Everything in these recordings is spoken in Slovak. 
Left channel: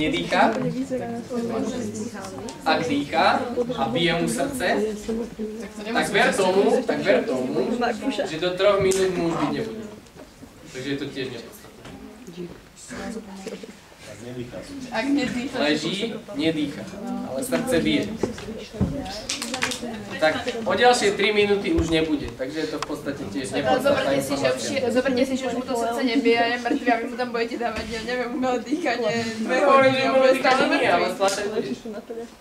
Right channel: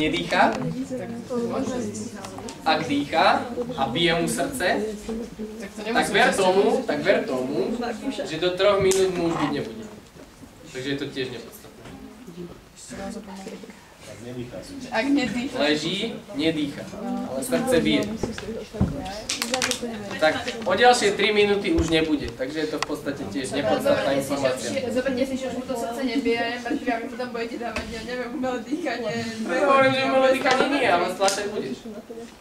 nedýcha, ak dýcha a bije mu srdce, tak ver tomu, že do 3 minút mu už byť nebude. Takže je to tiež nepodstatné. Ak nedýcha. Leží, nedýcha, ale srdce bije. Tak o ďalšie 3 minúty už nebude, takže je to v podstate tiež nepodstatná informácia. Zoberte si, že už mu to srdce nebije a je mŕtvy a vy mu tam budete dávať, ja neviem, umelé dýchanie. Hovorím, že umelé dýchanie nie, ale stlačať budeš.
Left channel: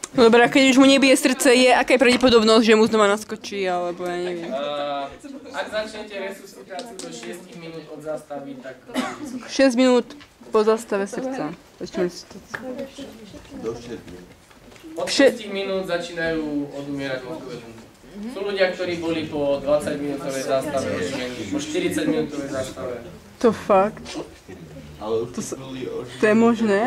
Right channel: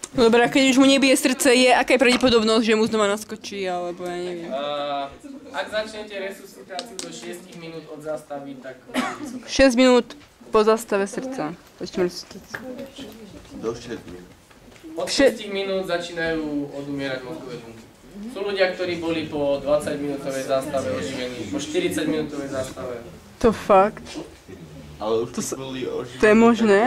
Dobre, a keď už mu nebije srdce, aká je pravdepodobnosť, že mu znova naskočí, alebo ja neviem. Ak začnete resuscitáciu do 6 minút od zastavy, tak... 6 minút po zastave srdca. Do 6 minút. Od 6 minút začínajú odumierať mozgové bunky. Sú ľudia, ktorí boli po 20-minútovej zástave oživení, po 40-minútovej zástave. To fakt? Ale už boli to je možné?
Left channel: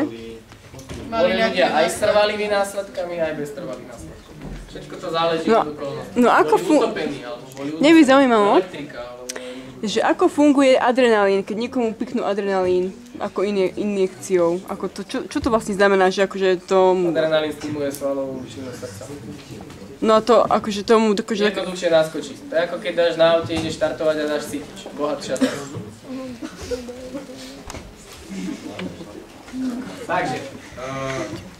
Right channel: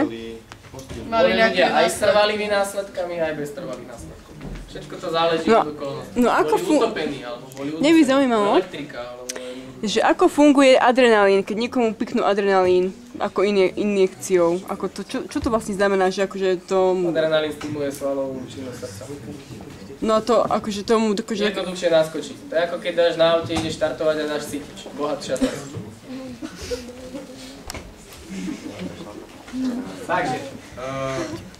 Boli ľudia aj s trvalými následkami, aj bez trvalých následkov. Všetko to záleží od okolností. No ako boli utopení, alebo boli Mne by zaujímalo, elektrika, alebo... že ako funguje adrenalín, keď niekomu piknú adrenalín ako injekciou. Ako to, čo to vlastne znamená, že akože to... Adrenalín stimuluje svalovú činnosť srdca. No to akože tomu dokáže... Jednoduchšie naskočí. To je ako keď dáš na aute, ideš štartovať a dáš cítič. Bohatšia to. Takže,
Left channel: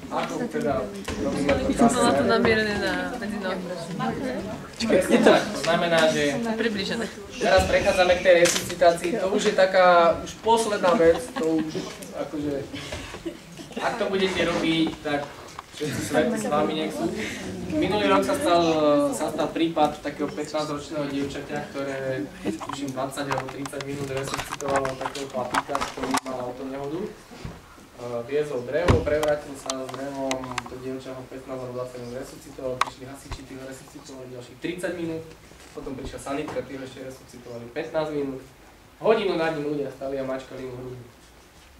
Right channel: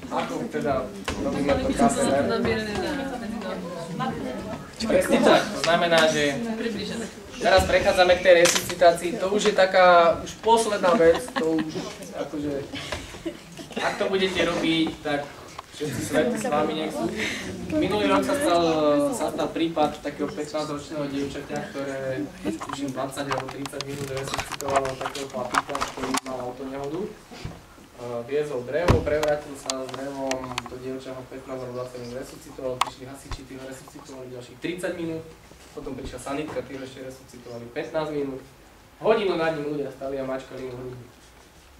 ako teda robíme to kasné? Mám to namierené na medzi nohy. Presne tak, to znamená, že Približené. teraz prechádzame k tej resuscitácii, to už je taká, už posledná vec, to už akože, ak to budete robiť, tak všetci svety s vami nech sú. Minulý rok sa stal prípad takého 15-ročného dievčaťa, ktoré už 20 alebo 30 minút resuscitovalo takého chlapíka, ktorý mal autonehodu. Viezol drevo, prevrátil sa s drevom, to dievča ho 15 alebo 20 minút resuscitoval, prišli hasiči, tí ho resuscitovali ďalších 30 minút, potom prišla sanitka, tí ho ešte resuscitovali 15 minút. Hodinu nad ním ľudia stali a mačkali mu hrudi.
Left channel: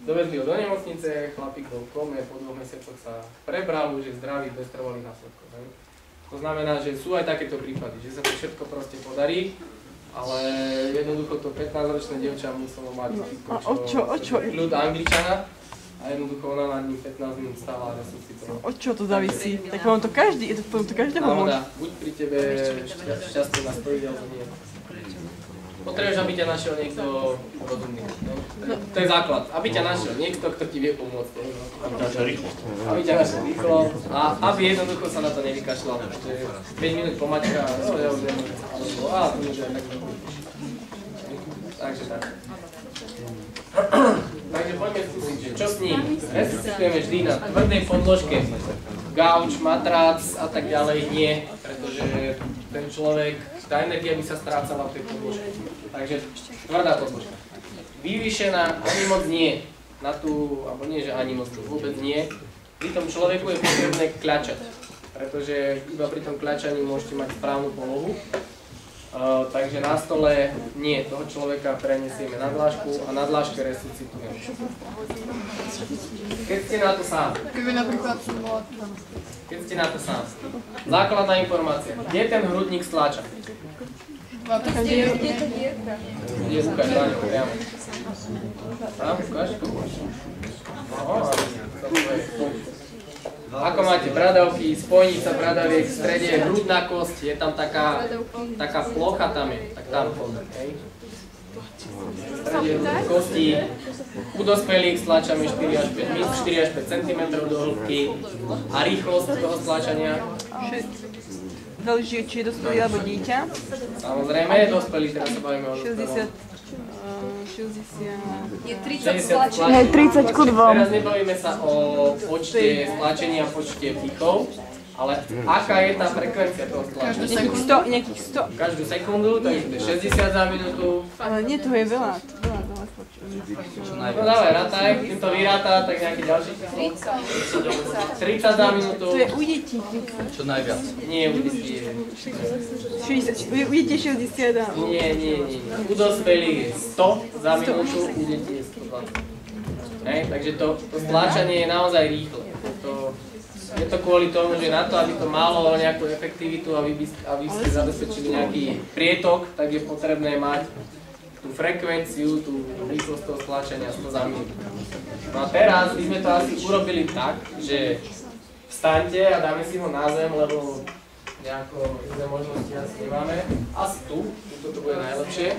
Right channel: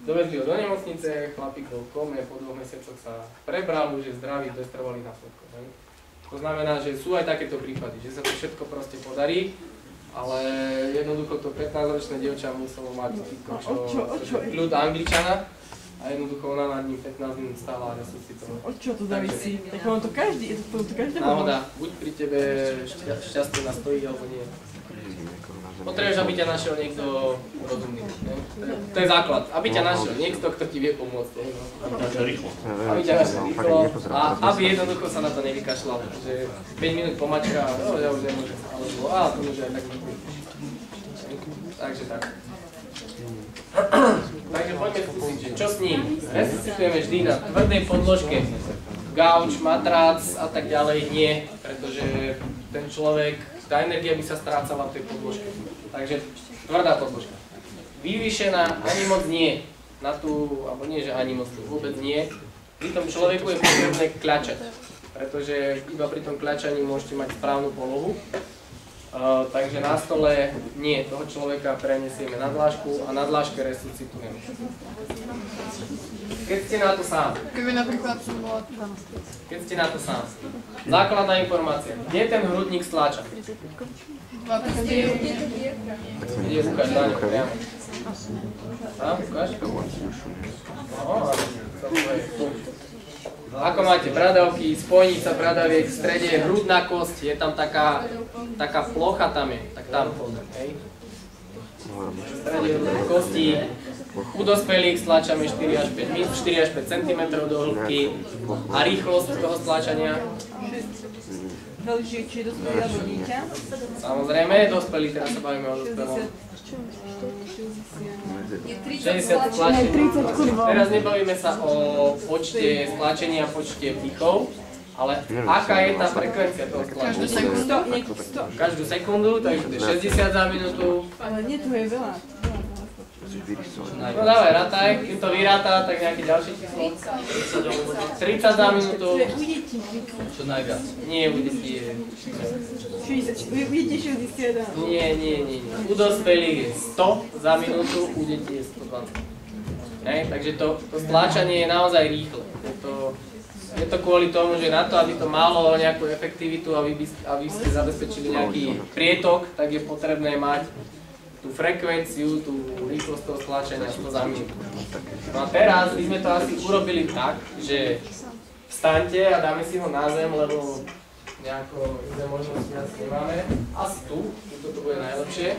Dovezli ho do nemocnice, chlapík bol v kome, po 2 mesiacoch sa prebral, už je zdravý, bez trvalých následkov. To znamená, že sú aj takéto prípady, že sa to všetko proste podarí, ale jednoducho to 15-ročné dievča muselo mať ľud Angličana. A jednoducho ona nad ním 15 minút stála a resuscitovala. Od čo to závisí? Tak vám to každého náhoda, buď pri tebe šťastie nastojí, alebo nie. Potrebuješ, aby ťa našiel niekto rozumný. To je základ. Aby ťa našiel niekto, kto ti vie pomôcť. Aby ťa našiel rýchlo a aby jednoducho sa na to nevykašľal. Že 5 minút pomačka a ja už nemôžem. Alebo to môže aj tak. Takže tak. Takže poďme skúsiť, že čo s ním. Resuscitujeme vždy na tvrdej podložke. Gauč, matrác a tak ďalej nie, pretože ten človek, tá energia by sa strácala v tej podložke. Takže tvrdá podložka. Vyvýšená ani moc nie. Na tú, alebo nie, že ani moc vôbec nie. Pri tom človeku je potrebné kľačať, pretože iba pri tom kľačaní môžete mať správnu polohu. Takže na stole nie, toho človeka prenesieme na dlášku a na dláške resuscitujeme. Keď ste na to sám. Keď ste na to sám. Základná informácia. Kde ten hrudník stláča? Kde ukáž, Dáňo, priamo. Tam, ukáž? Ako máte bradavky, spojnica bradaviek, v strede je hrudná kosť, je tam taká plocha tam je, tak tam hej. V strede je hrudná kosti, u dospelých stlačame 4 až 5 cm do hĺbky a rýchlosť toho stlačania. Záleží, či je dospelý alebo dieťa. Samozrejme, dospelý, teraz sa bavíme o dospelom. 60 stlačení. 30 ku 2. Teraz nebavíme sa o počte stlačení a počte vdychov, ale aká je tá frekvencia toho stlačenia? Každú sekundu, takže to je 60 za minútu. Ale nie, to je veľa. No dávaj, rátaj, keď to vyrátá, tak nejaký ďalší číslo. 30 za minútu. To je u detí. Čo najviac? Nie, u detí je... 60, u detí 60. Nie. U dospelých je 100 za minútu, u detí je 120. Takže to stláčanie je naozaj rýchle. Je to kvôli tomu, že na to, aby to malo nejakú efektivitu a aby ste zabezpečili nejaký prietok, tak je potrebné mať tú frekvenciu, tú rýchlosť toho stlačenia 100 za minútu. No a teraz by sme to asi urobili tak, že vstaňte a dáme si ho na zem, lebo nejako iné možnosti asi nemáme. Asi tu to bude najlepšie.